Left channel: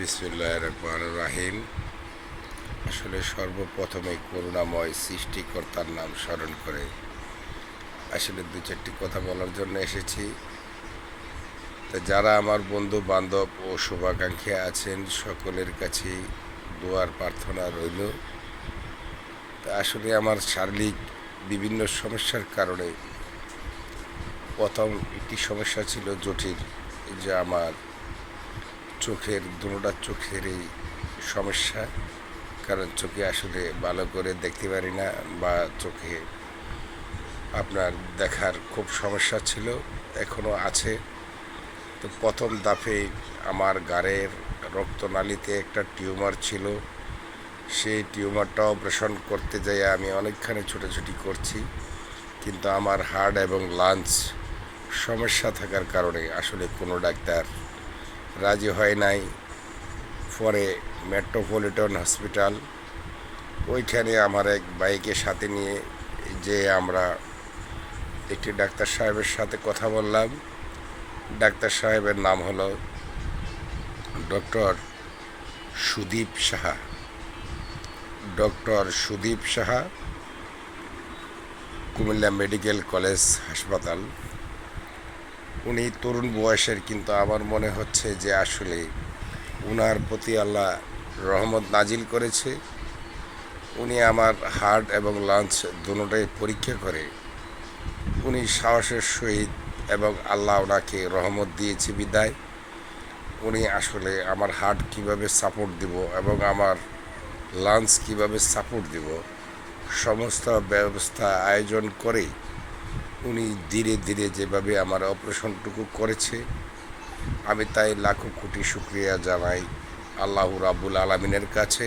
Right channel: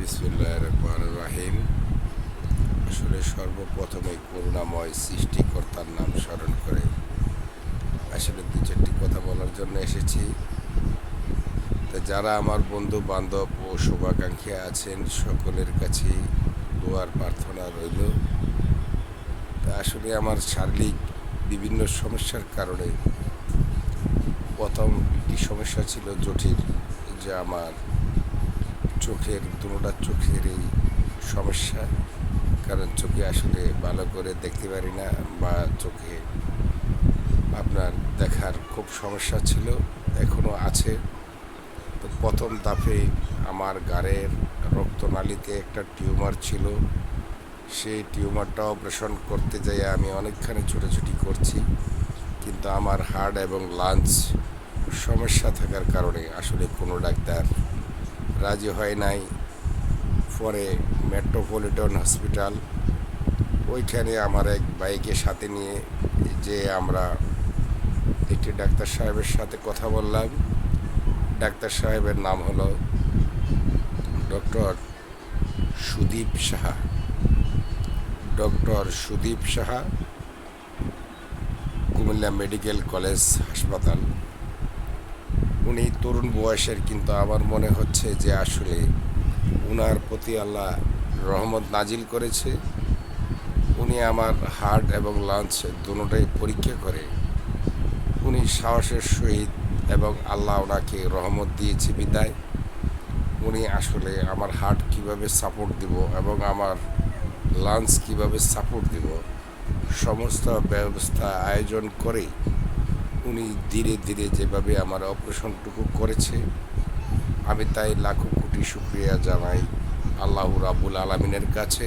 বিসমুল্লাহ রহমান রাহিম আসলে সর্বপ্রথমে করুণাময় সৃষ্টিকর্তার নাম স্মরণ করে আসলে দু চারটি কথা বলার জন্য এসেছি। তা যারা আমার বন্ধু বান্ধব ও শুভাকাঙ্ক্ষী আছেন, সকলের কাছে দোয়ার প্রার্থনা রইল। তা আসলে আমার শারীরিক বিভিন্ন সমস্যার কারণে প্রথম একটি সমস্যা ছিল জটিল, যে আমার চোখের দুটা চোখের এই সমস্যা। কারণ চোখে আসলে ভালো করে দেখতে পারি না বা চোখে আপনার দেখার খুব সমস্যা ছিল এখনও আছে। তো প্রথম দাফে আমার গাড়ের রক্তনালীতে একটা টিউমার ছিল। সেই টিউমারটা অপারেশন করতে যাই আমি অনেকখানি ছোটাছুটি করছি। কিন্তু আমার হার্ট এবং লাঞ্চ সমস্যা থাকার কারণে আসলে কোনো ডাক্তার রাজি হয় নাই। পরে মেট্রোপলিটন হসপিটাল ওইখানে আমার এক বাইকের সাথে নিয়ে যে আমরা একটি ডাক্তার সাহেবের সাথে কথা বললাম। ডাক্তার সাহেবের নাম হলো doctor Sudip Saha. Doctor Sudip Saha, Comilla medical college হাসপাতাল। উনি তরুণ বয়সের, কিন্তু আমার মনে হচ্ছে যে আসলে উনার প্রতি আল্লাহ রহমত নাজিল করেছে। উনি আমার হার্ট এবং লাঞ্চ দুটোটাই পরীক্ষা করে। উনি সাহসের সহিত এবং আল্লাহ ওনাকে রহমত দিয়েছে বিদায়। উনি আসলে আমার হার্ট কীভাবে সাপোর্ট দিব এবং আমার লাঞ্চ কীভাবে সাপোর্ট দিব, সমস্ত ব্যবস্থা আয়োজন করে উনি ধীরে ধীরে যেভাবে আমার অপারেশনটুকু করেছে, আমি তাই লাখো কোটি শুক্রিয়া জানাই আল্লাহ রাবুল আলমিনের কাছে।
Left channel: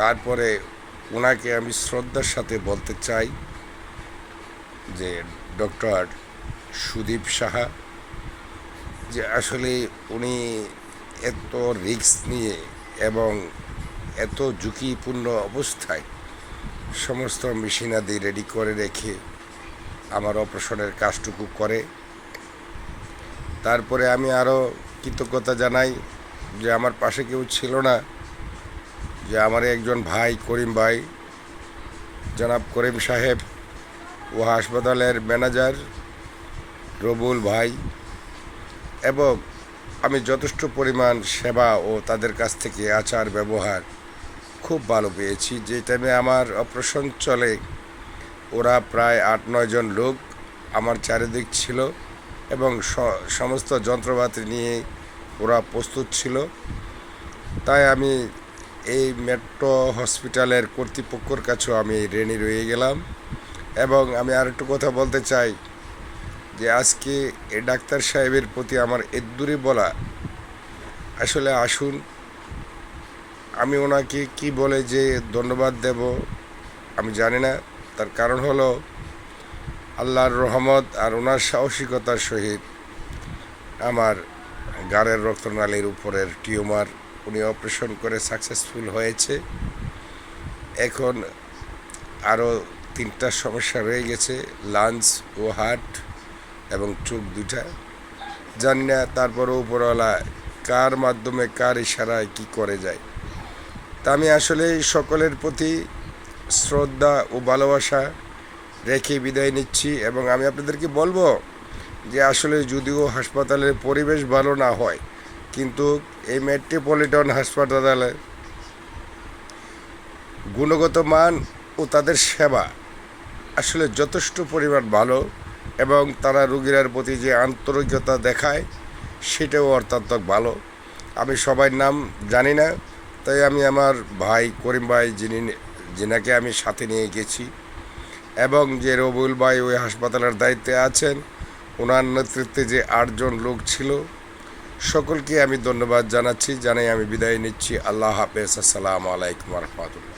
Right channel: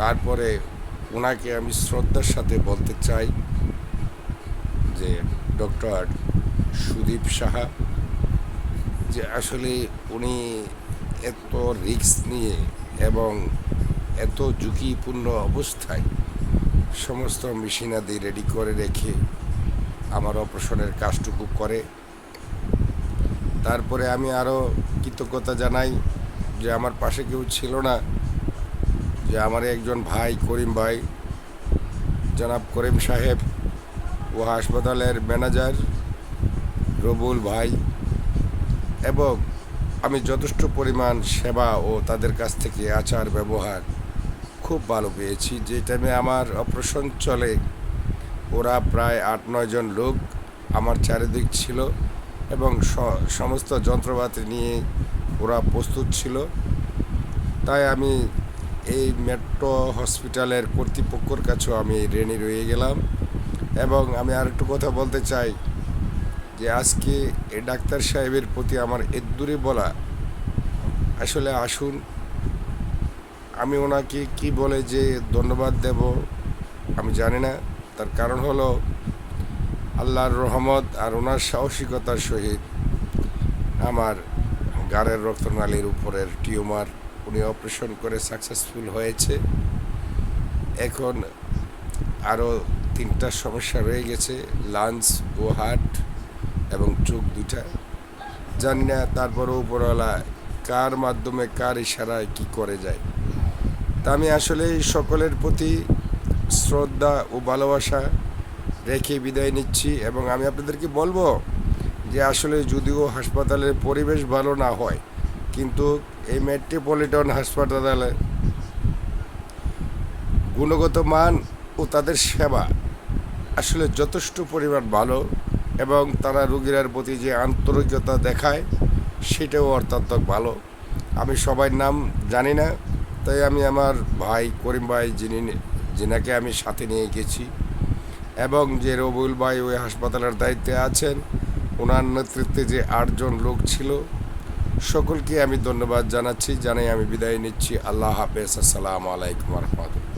তারপরে ওনাকে আমি শ্রদ্ধার সাথে বলতে চাই যে ডক্টর সুদীপ সাহা, যে আসলে উনি এত রিস্ক নিয়ে এবং এত ঝুঁকিপূর্ণ অবস্থায় সমস্ত মেশিনাদি রেডি করে রেখে আমার অপারেশনের কাজটুকু করে। তারপরে আমি আরও কৃতজ্ঞতা জানাই যে আমার পাশে কেউ ছিল না, যে আমার একজন ভাই, করিম ভাই, জনাব করিম সাহেব ও হাসপাতালের ম্যানেজার রবুল ভাই, এবং আমি যথেষ্ট পরিমাণ সেবা ও তাদের কাছ থেকে আচার ব্যবহার খুব ভালো পেয়েছি। যে টাইমে আমার অপারেশন চলে ওরা প্রায় আট, নয় জন লোক আমার চারিদিক ছিল এবং সমস্ত যন্ত্রপাতি নিয়ে ওরা প্রস্তুত ছিল। তাই আমি এই মেট্রো হসপিটালের কর্তৃপক্ষর কাছেও আমি রেনি রয়ে গেলাম এবং আমি আরেকটু কথা বলতে চাই যে আজকে এ ডাক্তার সাহেবের প্রতি আমার এদ্দুরে বলা, আসলে আসুন, আমি ওনাকে কি বলে যে ধন্যবাদ দেব, আমি জানি না। তার কারণ হলো আল্লাহর রহমত আর ওনার সাহসিকতার সহিত আমার গাড়ের রক্তনালীর উপরের টিউমার উনি অপারেশন করে সাকসেসফুল হয়েছে। এখন আরও তিনটা সমস্যা রয়ে গেছে লাঞ্চ ও হার্ট এবং চোখ দুটা জানি না তারপরে উপরওয়ালা কার মাধ্যমে কার ইশারায় কি করে যায়। তা আমি আসলে সকলের প্রতি শ্রদ্ধা ও ভালোবাসা রেখে বিদায় নিচ্ছি এবং আমি আপনাদেরকে বলব যে আসলে যদিও হাসপাতালের পরিবেশ ভালো না হয়, কিন্তু এই মেট্রোপলিটন হাসপাতালে গুণগত মান ও তাদের সেবা আসলে যথেষ্ট পরিমাণ ভালো এবং তারা রুগীরার প্রতি যে আন্তরিকতা দেখায় সেটাও অত্যন্ত ভালো। আমি সবার নাম জানি না, তাই আমি আমার ভাই করিম ভাই যিনি যেনাকে আমি সাথে নিয়ে গেছি এবং যে রবুল ভাই ওই হাসপাতালের দায়িত্বে আছেন, ওনার নেতৃত্বে যে আটজন লোক ছিল, সকলকে আমি ধন্যবাদ জানাচ্ছি, জানাই আমি বিদায় নিচ্ছি। আল্লাহ হাফেজ, আসসালামু আলাইকুম রহমতুল্লাহ।